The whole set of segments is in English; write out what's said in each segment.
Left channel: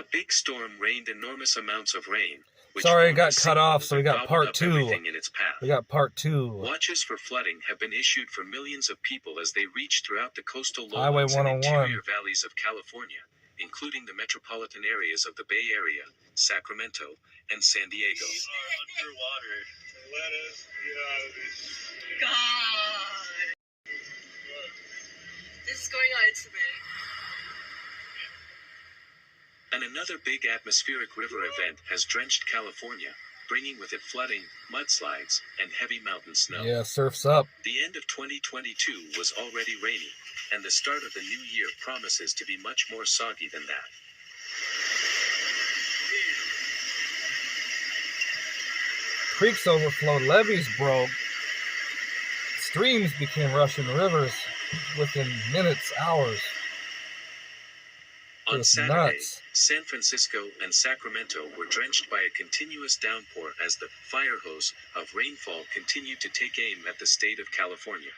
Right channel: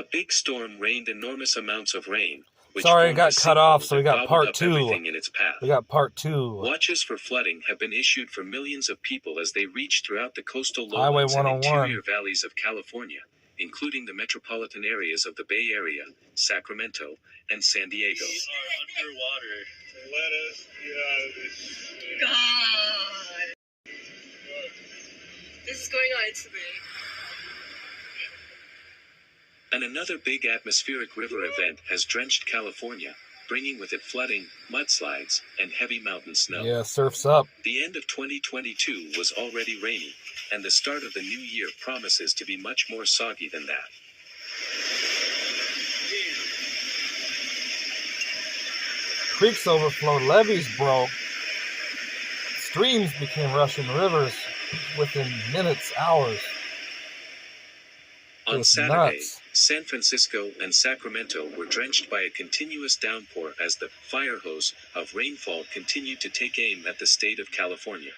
A big storm rained enormous amounts of rain. Sorry, it got cut off, so we got part 2. In its path. We got part 2. Watches for flooding have been issued for millions of people as they reach throughout the coastal Highway lowlands and 101. interior valleys of California, including the metropolitan areas of the Bay Area, Sacramento, and San Diego. We are underwater. Let us get out of this. God. This is going on today. And another big atmospheric river event has drenched California, bringing with it flooding, mudslides, and heavy mountain snow. Yeah, surf's up. The end of 2022 was already rainy, and the start of the new year promises to be much more soggy than that. Creeks overflowed, levees broke, streams became rushing rivers within minutes, hours. On Saturday, nuts. San Francisco and Sacramento were drenched by a continuous downpour as the fire hose of rainfall continued to take aim at the state of California.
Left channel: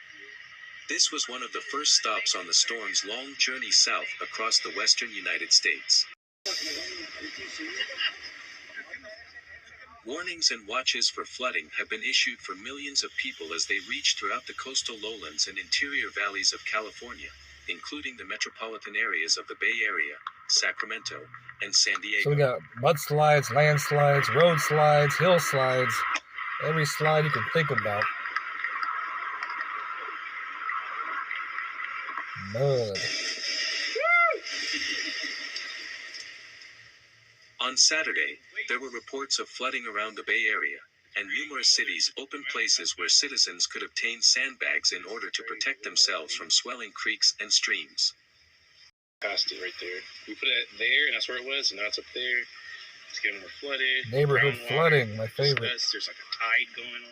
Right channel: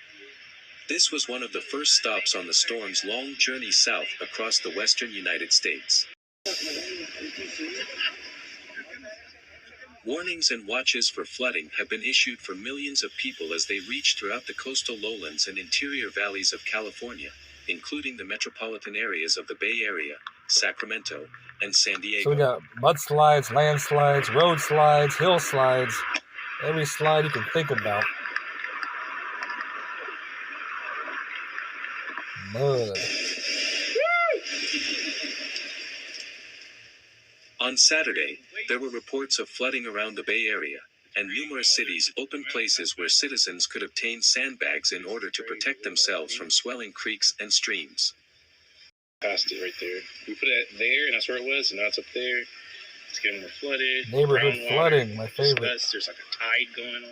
This was one of the first stops on the storm's long journey south across the western United States. Warnings and watches for flooding have been issued for millions of people as they reach throughout the coastal lowlands and interior valleys of California, including the metropolitan areas of the Bay Area, Sacramento, and San Diego. So we got mudslides, landslides, road slides, hill slides, every slide you can think about. Mud. On Saturday, there were reports of flooding around the Bay Area, and numerous cities opened places where citizens could obtain sandbags in order to protect themselves from swelling creeks and streams. Past it right there. We put it there, and that's where it was, and now it's up there. It's getting more flooded. Neighborhood flooding, my favorite. There's like a tide going on.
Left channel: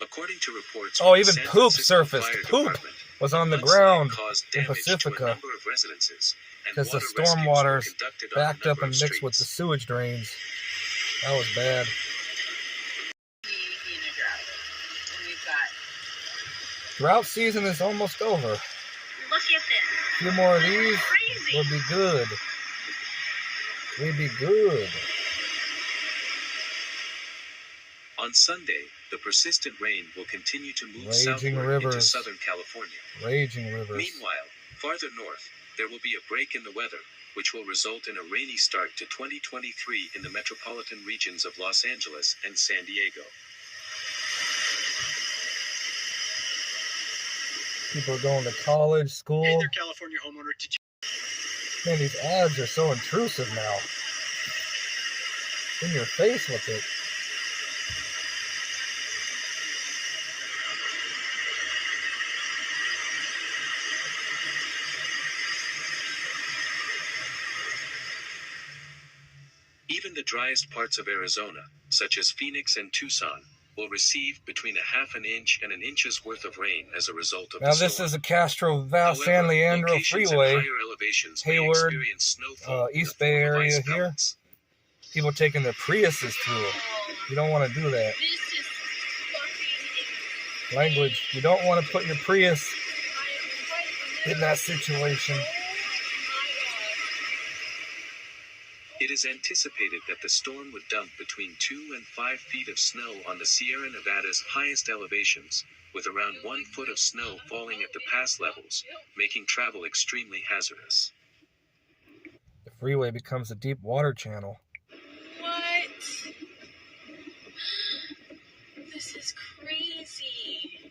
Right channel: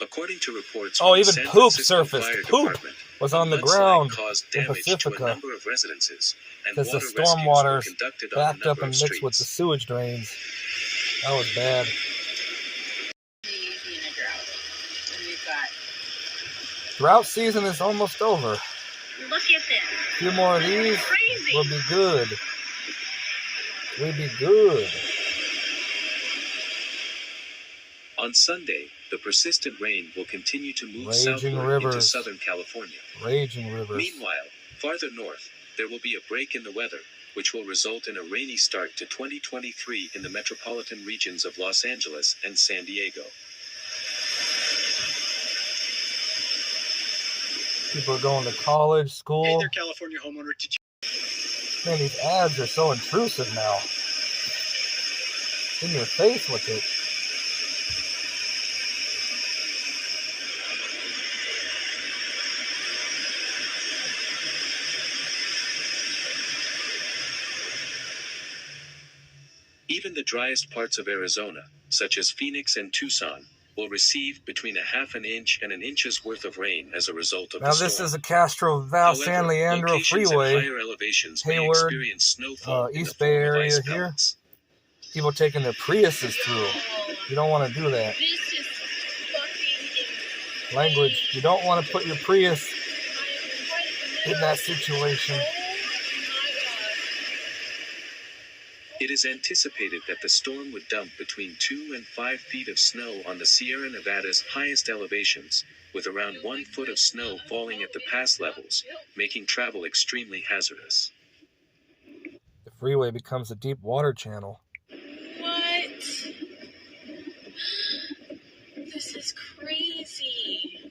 According to reports, Oh, from even the San poop Francisco surfaced. Fire Poop Department, was on the mudslide ground caused in damage to a Pacifica number of residences, and because the water storm rescues waters were conducted on a backed up number and of mixed with the streets. sewage drains. That was bad. We be in a drought. And we've got. Drought season is almost over. Look at this. A few more of these, Crazy. we'll be good. We'll be good. On Sunday, the persistent rain will continue to move Raging southward into rivers. Southern California. Raging rivers. Meanwhile, farther north, there will be a break in the weather, which will result in a rainy start to 2023 in the metropolitan regions of Los Angeles and San Diego. People are going to college, Hey school. there, California homeowner. Did you Man, these ads are so intrusive now. In your face with it. Even the driest parts of Arizona, such as Phoenix and Tucson, will receive between a half an inch and an inch's worth of rain as a result of Now the this storm. is the Castro Val However, San Leandro locations at Freeway. higher elevations may Hayward, experience snowfall in the East Bay form of area ice here. pellets. People taking their Priuses through. You don't want to do that. This is fucking Language. You don't want to put your Prius insane. in that situation. Oh my god. It is anticipated that the storm would dump between 2 and 5 feet of snow on the Sierra Nevada's highest elevations, with around 1 foot of snow falling at the pass levels, making travel extremely hazardous. The freeway becomes a deep water channel. What? This is crazy.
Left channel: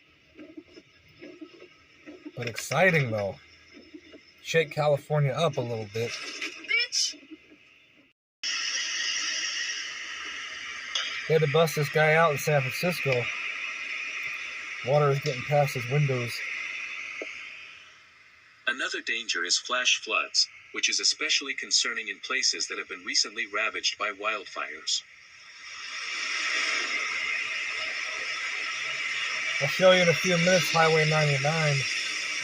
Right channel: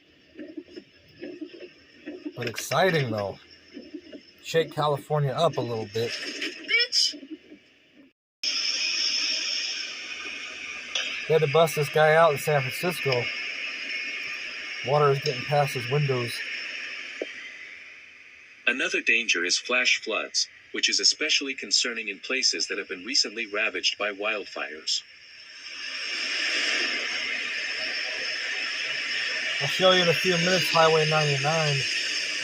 But exciting though. Shake California up a little bit. Bitch! They had to bust this guy out in San Francisco. Water is getting past his windows. Another danger is flash floods, which is especially concerning in places that have been recently ravaged by wildfires. I'll show you in a few minutes Highway 99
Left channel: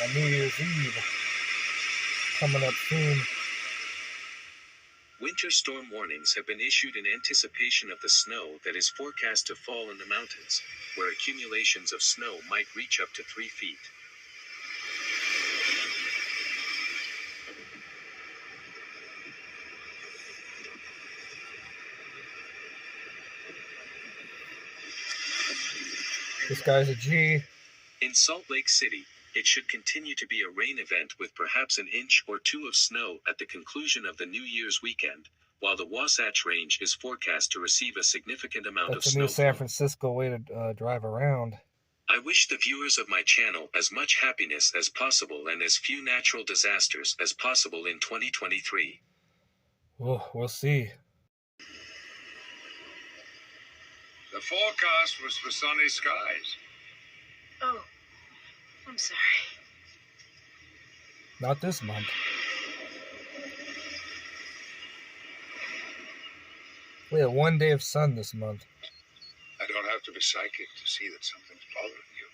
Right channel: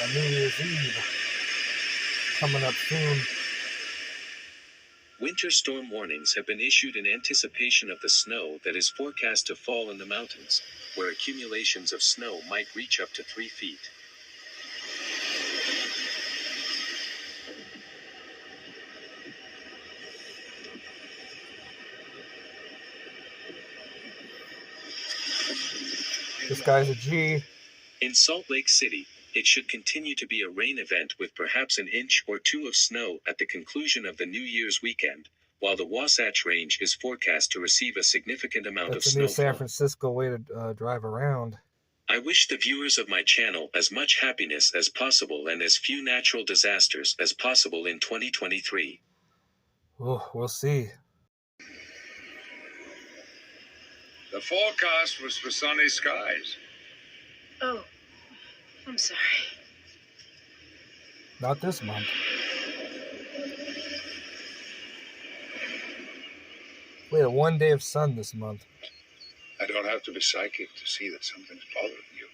on New Year's Eve. Coming up soon. Winter storm warnings have been issued in anticipation of the snow that is forecast to fall in the mountains, where accumulations of snow might reach up to 3 feet. This guy's a G. In Salt Lake City, it should continue to be a rain event with perhaps an inch or two of snow at the conclusion of the New Year's weekend, while the Wasatch Range is forecast to receive a significant amount of That's a snow. new San Francisco way to drive around. I wish the viewers of my channel as much happiness as possible and as few natural disasters as possible in 2023. Oh, we'll see. The forecast was for sunny skies. Oh, I'm sorry. Not this month. We had 1 day of sun this month. I don't have to be psychic to see that something's bothering you.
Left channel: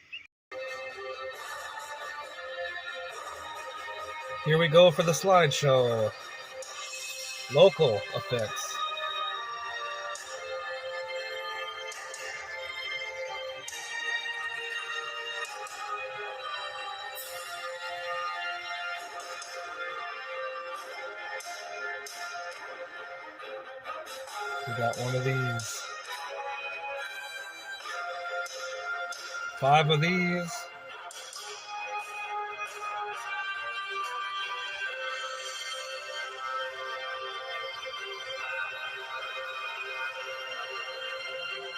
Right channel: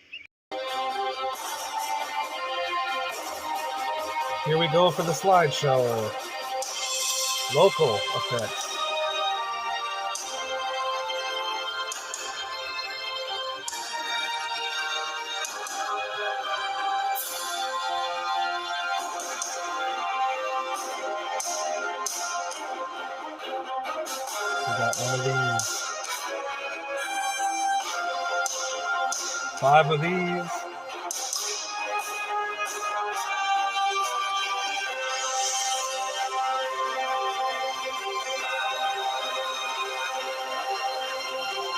Here we go for the slideshow. Local effects. We got one of these. 5 of these.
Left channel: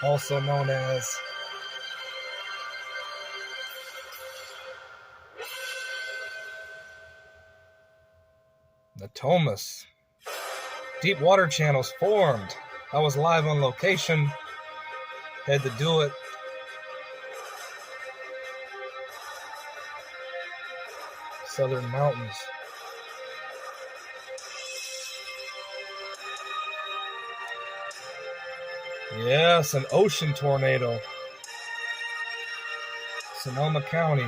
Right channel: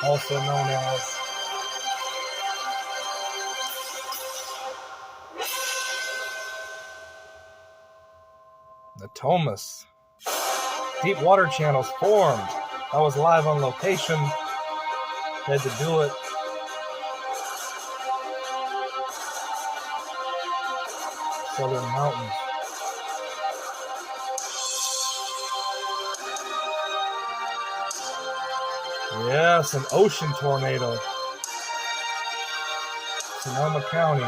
Also known as the Thomas. Deep water channels formed. I was live on location. Had to do it. Southern mountains. Yes, an ocean tornado. Sonoma County.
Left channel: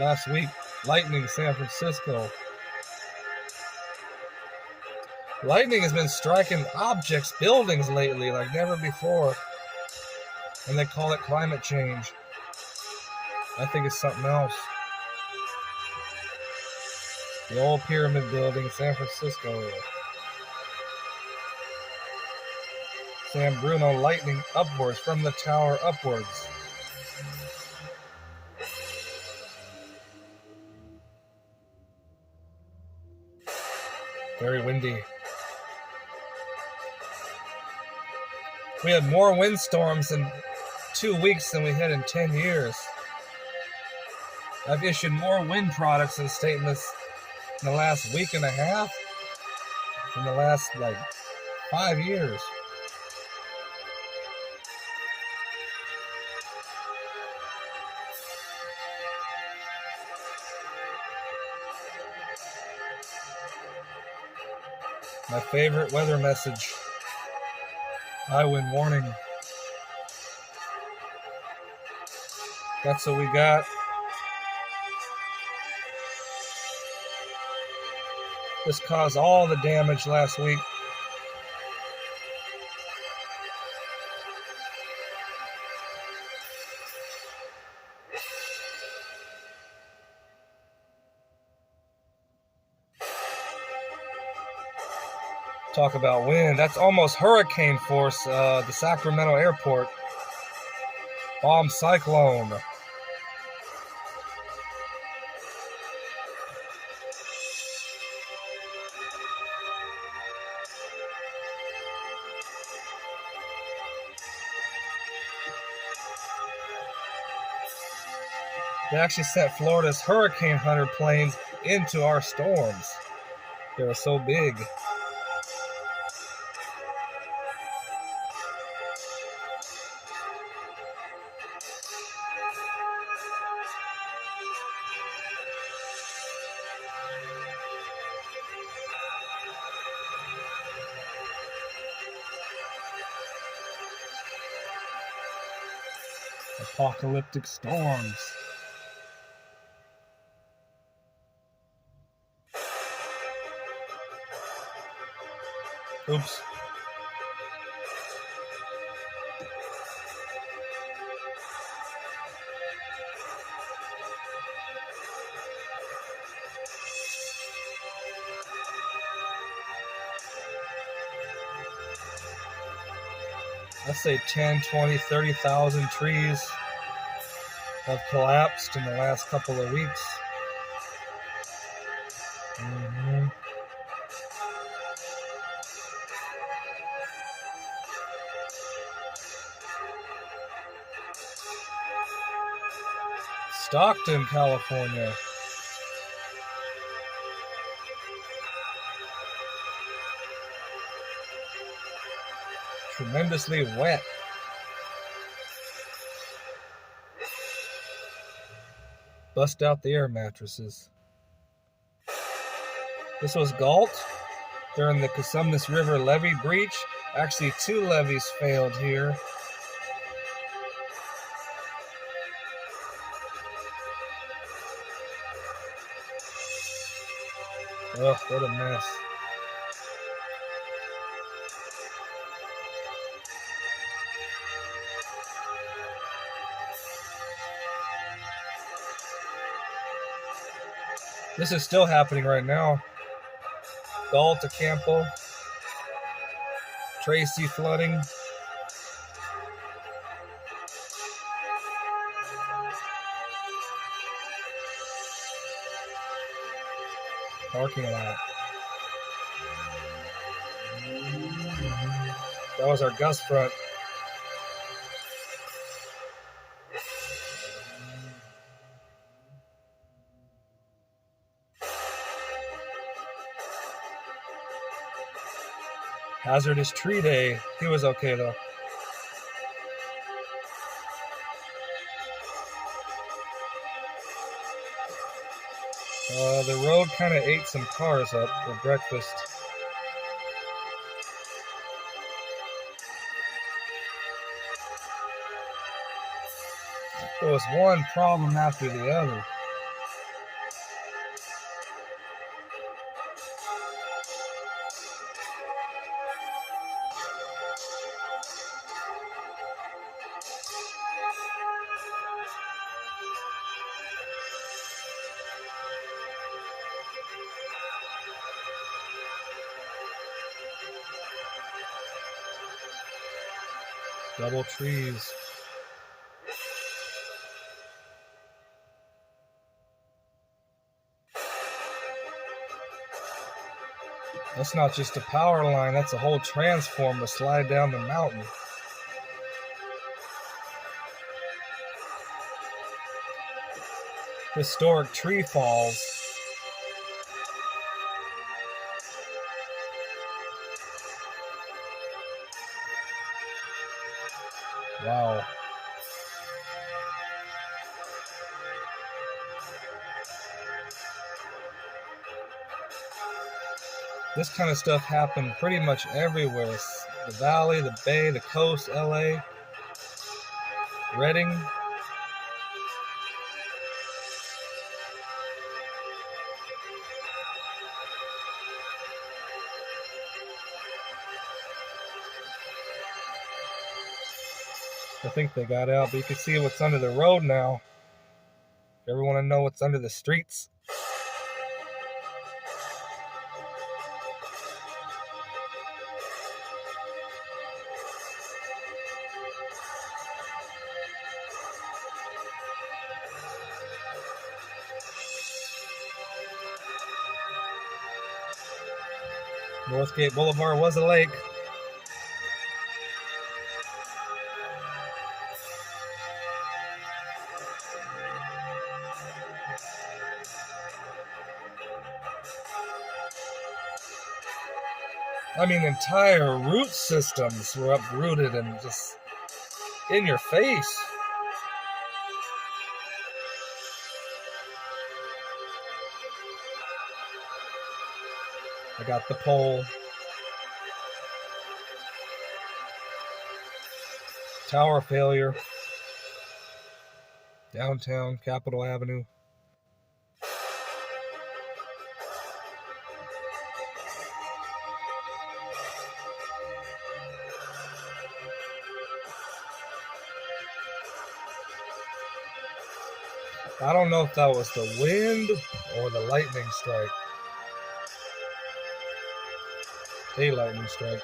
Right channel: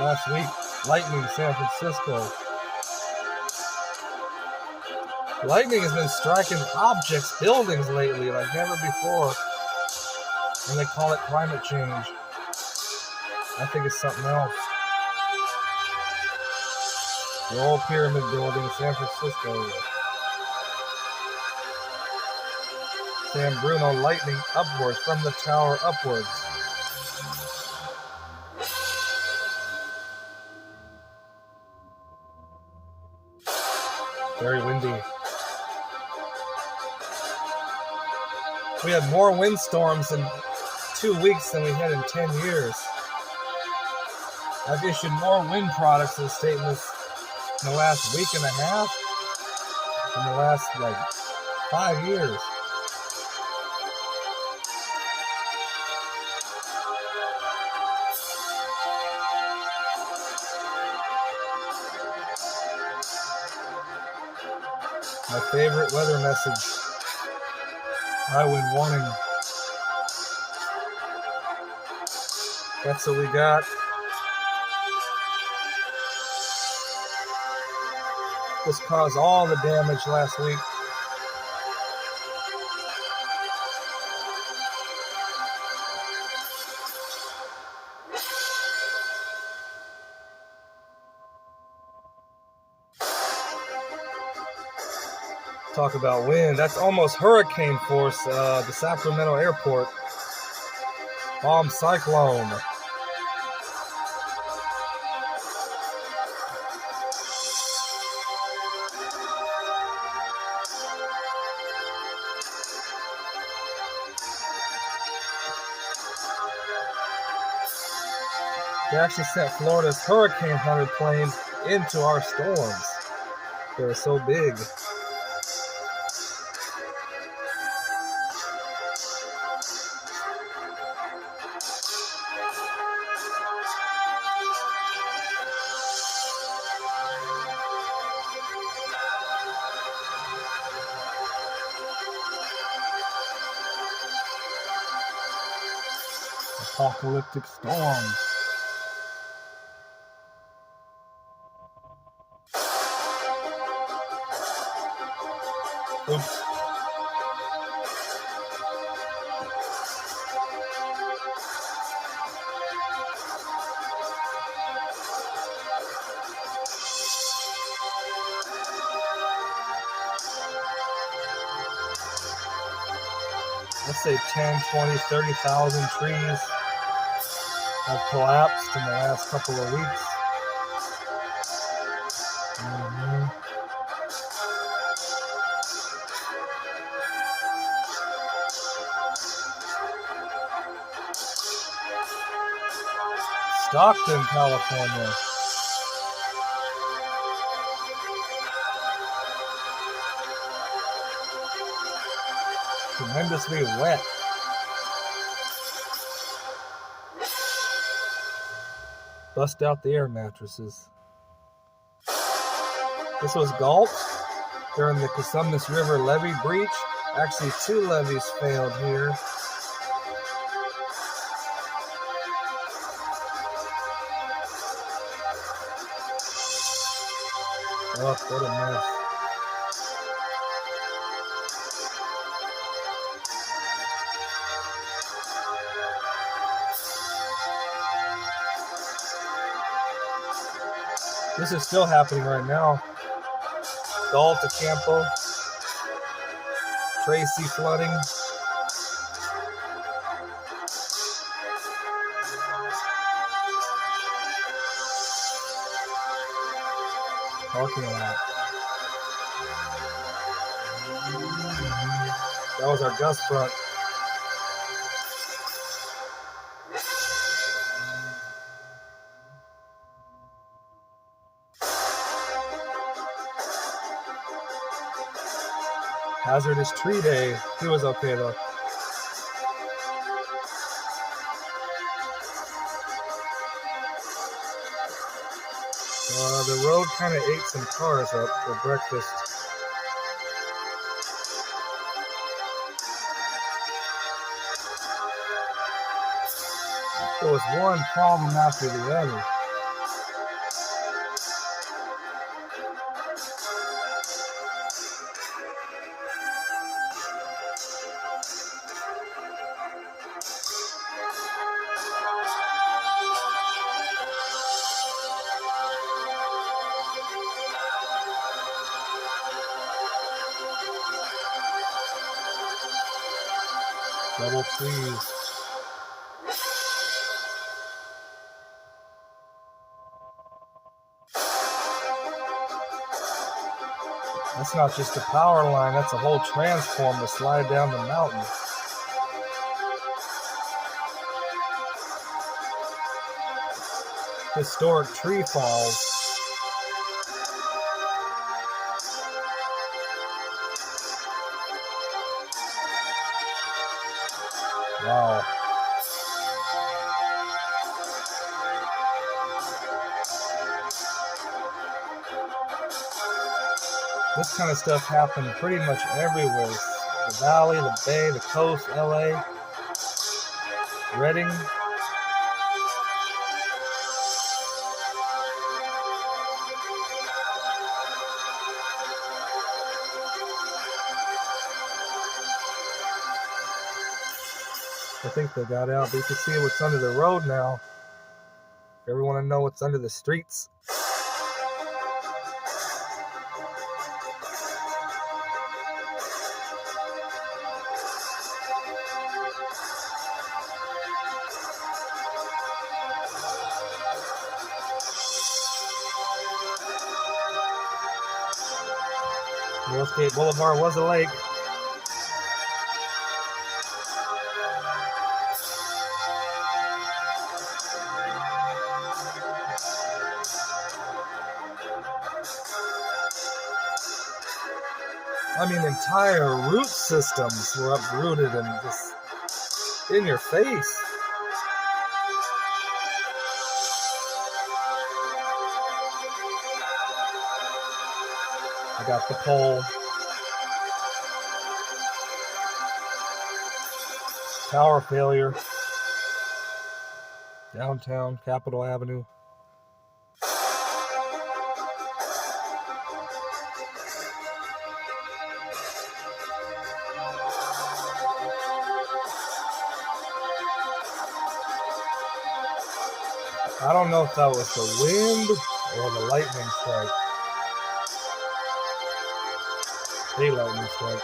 Last week, lightning San Francisco. Lightning has been striking objects, buildings lately like never before. And they call it climate change. I think it's something else. The old pyramid building, San Francisco. San Bruno lightning upwards from the tower upwards. Very windy. We had more windstorms in 2 weeks than we had in 10 years. I've issued more wind products and statements in the last week and a half in the last 5 years. My favorite weather message. High wind warning. That's what we got. This caused all the damage last week. Talk about wind. That's almost hurricane force, the Sacramento airport. Bomb cyclone. They actually sent Florida's Hurricane Hunter planes into our storms. They were so big. Apocalyptic storms. Oops. let's say 10, 20, 30,000 trees have collapsed in the last couple of weeks. Mhm. Stockton, California. Tremendously wet. Bust out the air mattresses. This was Galt during the Cosumnes River levee breach. Actually, 2 levees failed here. Oh, what a mess. This is still happening right now. Galt to Campo. Tracy flooding. Parking lot. That was our gust front. Hazardous tree day. He was okay though. The road kind of ate some cars up for breakfast. There was one problem after the other. Double trees. That's not just a power line, that's a whole transformer slide down the mountain. Historic tree falls. Wow. This kind of stuff happened pretty much everywhere. The valley, the bay, the coast, LA, Redding. I think they got out, but you can see what's under the road now. If you ever want to know what's under the streets. Northgate Boulevard was a lake. I mean, entire root systems were uprooted and just in your face. I got the pole. Tower failure. Downtown, Capitol Avenue. I don't know if that was the wind or the lightning strike. A lightning strike.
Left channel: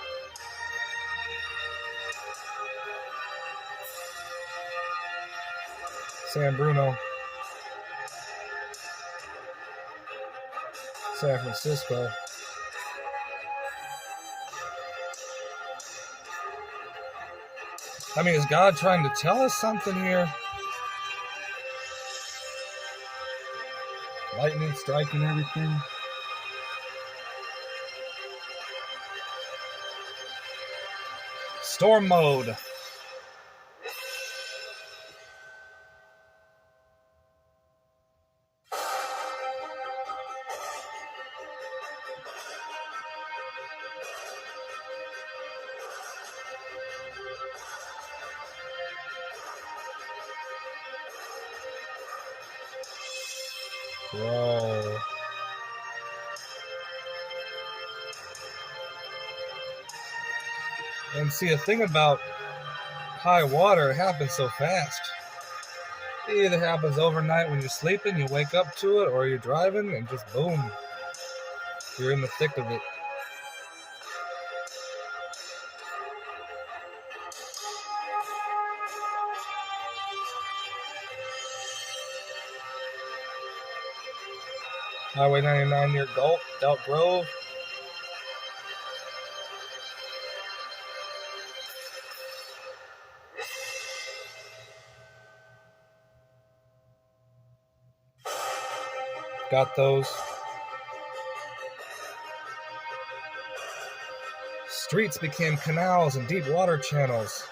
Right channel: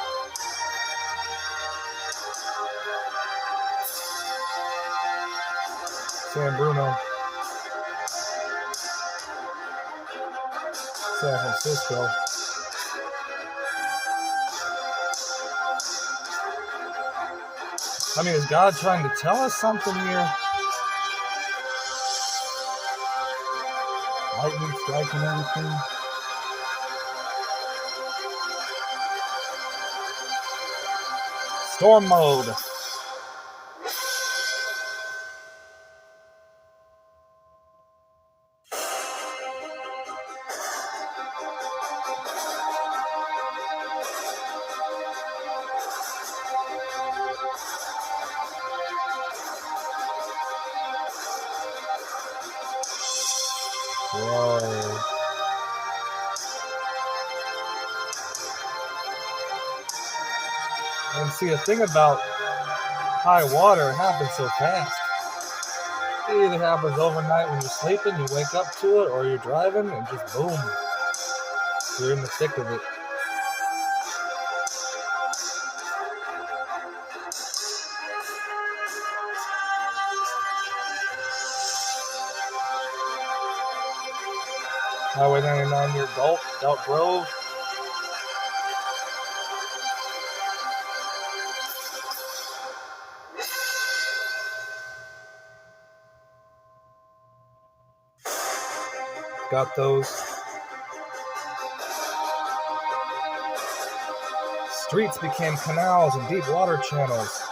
San Bruno, San Francisco. I mean, is God trying to tell us something here? Lightning striking everything. Storm mode. Whoa. And see, the thing about high water, it happens so fast. It either happens overnight when you're sleeping, you wake up to it, or you're driving, and just boom, you're in the thick of it. Highway 99 near Galt Grove. Got those. Streets became canals and deep water channels.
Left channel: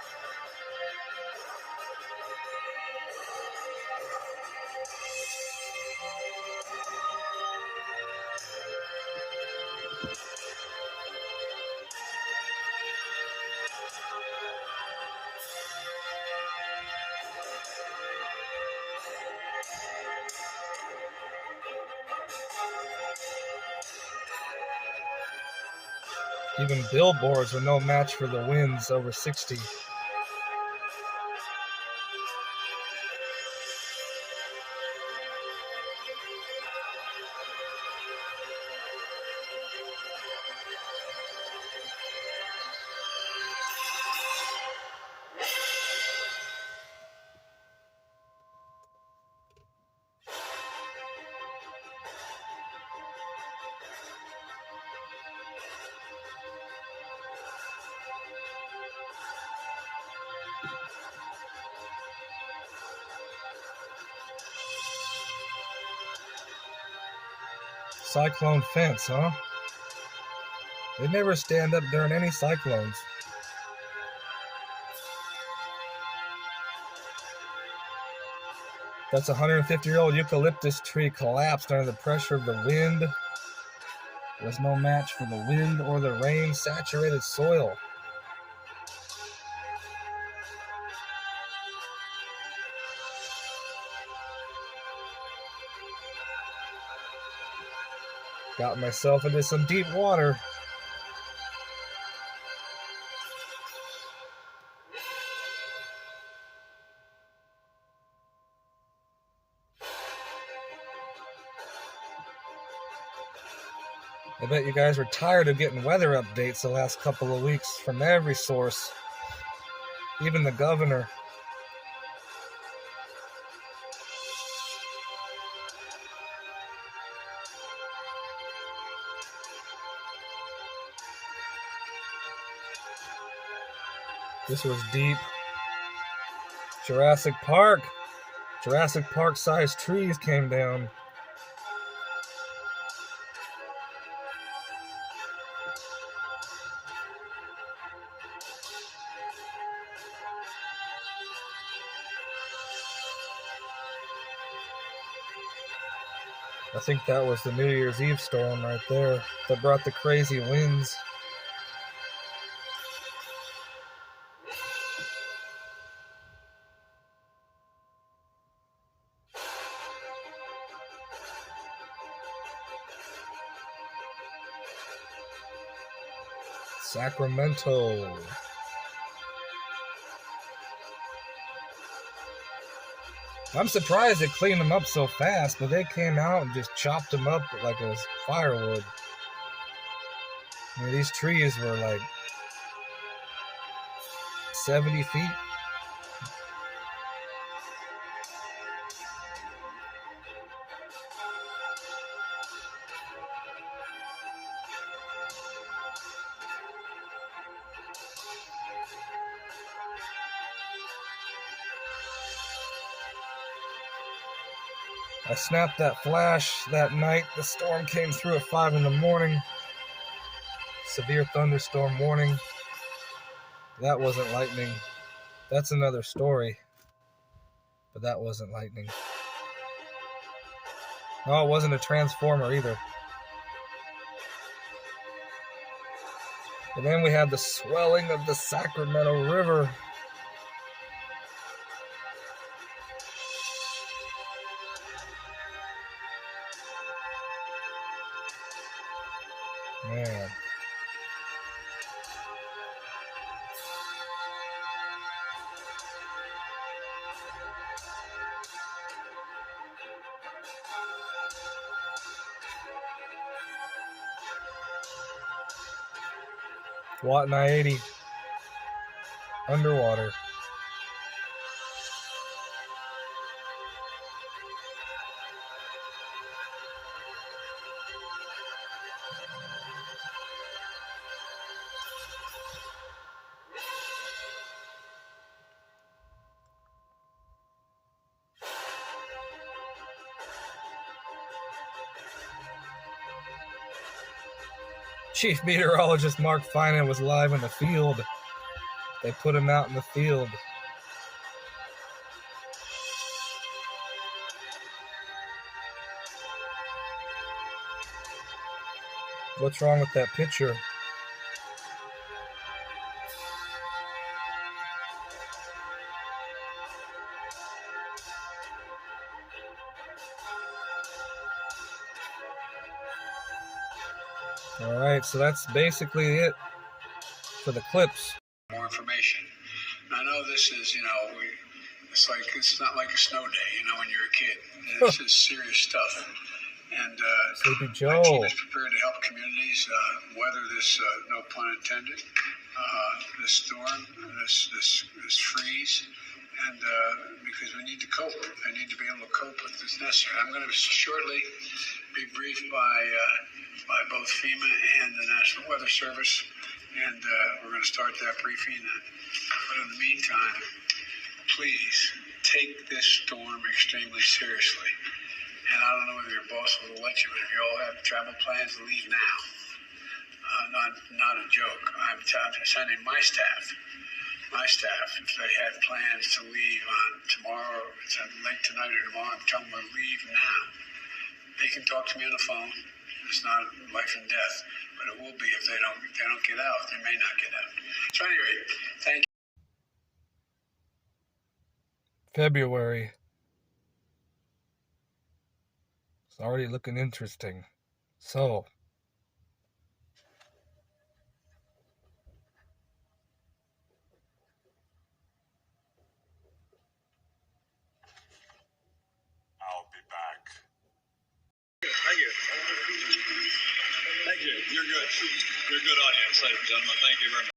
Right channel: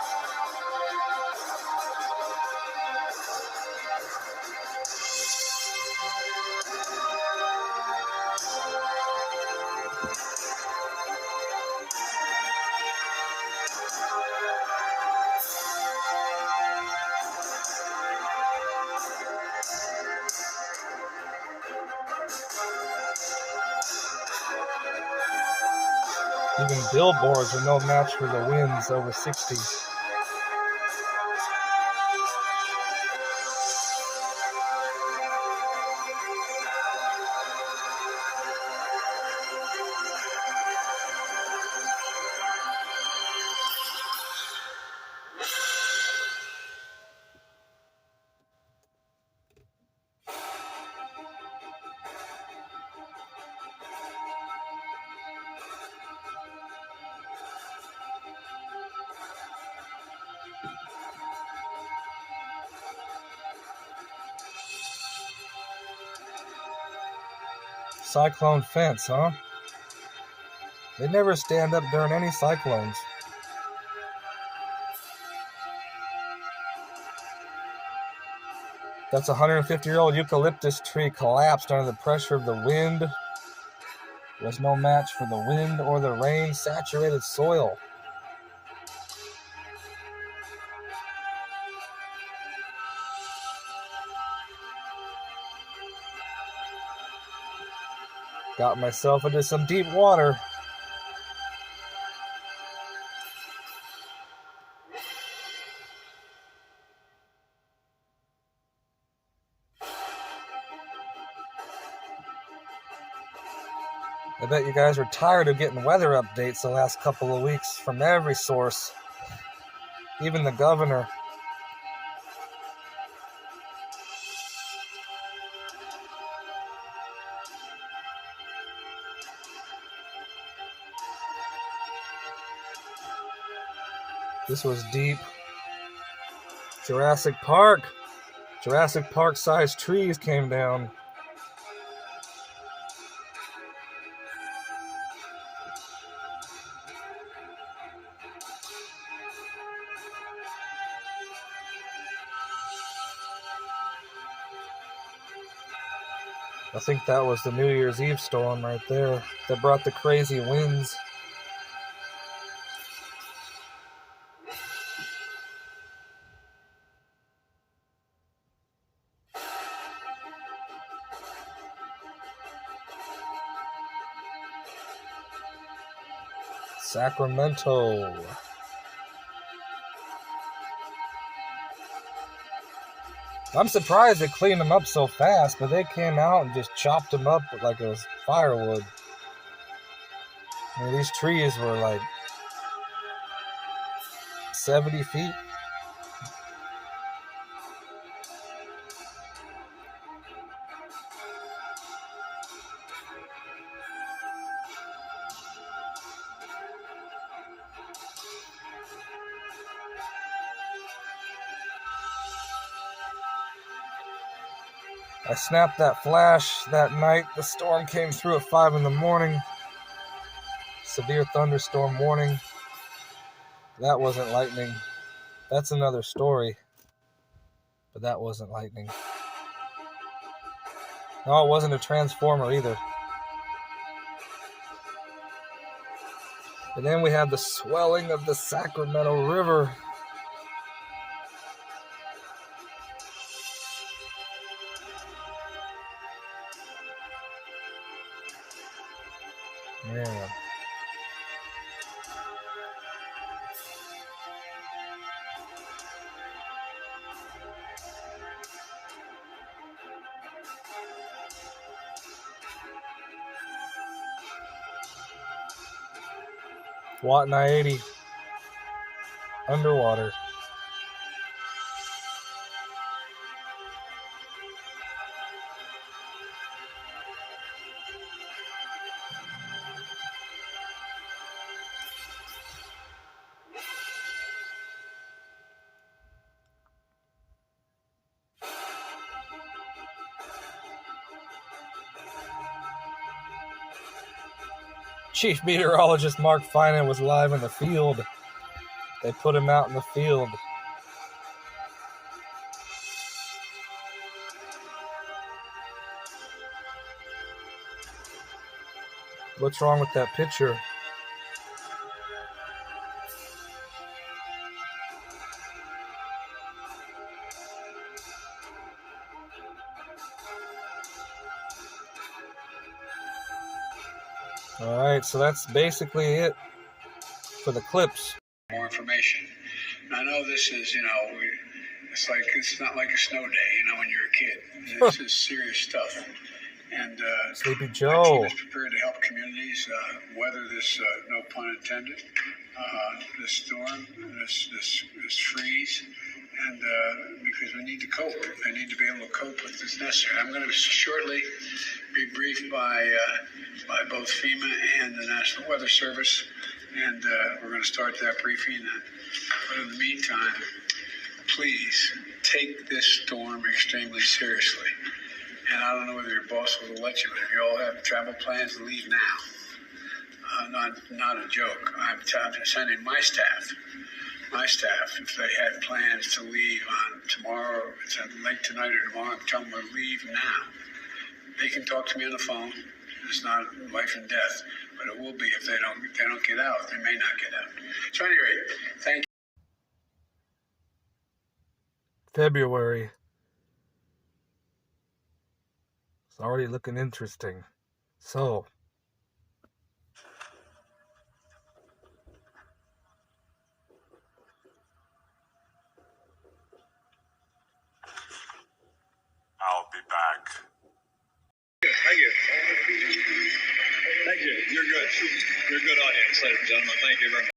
Even billboards are no match for the winds over 60. Cyclone fence, huh? They never stand up during any cyclones. That's a 150-year-old eucalyptus tree collapsed under the pressure of the wind. Was no match for the wind or the rain. Saturated soil. Got myself into some deep water. I bet you guys are tired of getting weather updates the last couple of weeks from every source. Even the governor. This was deep. Jurassic Park. Jurassic Park-sized trees came down. I think that was the New Year's Eve storm right there that brought the crazy winds. Sacramento. I'm surprised they cleaned them up so fast, but they came out and just chopped them up like it was firewood. I mean, these trees were like 70 feet. I snapped that flash that night. The storm came through at 5 in the morning. Severe thunderstorm warning. That wasn't lightning. That's another story. But that wasn't lightning. No, it wasn't a transformer either. And then we had the swelling of the Sacramento River. Man. Watt 80 underwater. Chief Meteorologist Mark Finan was live in the field. They put him out in the field. What's wrong with that picture? All right, so that's basically it for the clips. More information. And I know this is, it's not like a snow day, when you're a kid. This is serious stuff. And Sleepy my Joe. team is prepared to help communities weather this, no pun intended, this storm, this freeze. And because we need to cope. They need to be able to cope with this necessary. I'm going to shortly be briefed by both FEMA and the National Weather Service. And we're going to start that briefing. But in the meantime, please take this storm extremely seriously. And I don't know whether your boss will let you, but if you all have travel plans, leave now. Not a joke. I'm sending my staff, if they had plans to leave on tomorrow, it's late tonight or tomorrow, I'm telling them to leave now. They can talk to me on the phone. It's not life and death, but it will be if they don't get out. They may not get out. So anyway, thank you. February. It's already looking interesting. So, I'll be back. Thank you. Thank you. You're good. You're a good audience, ladies and gentlemen. Thank you very much.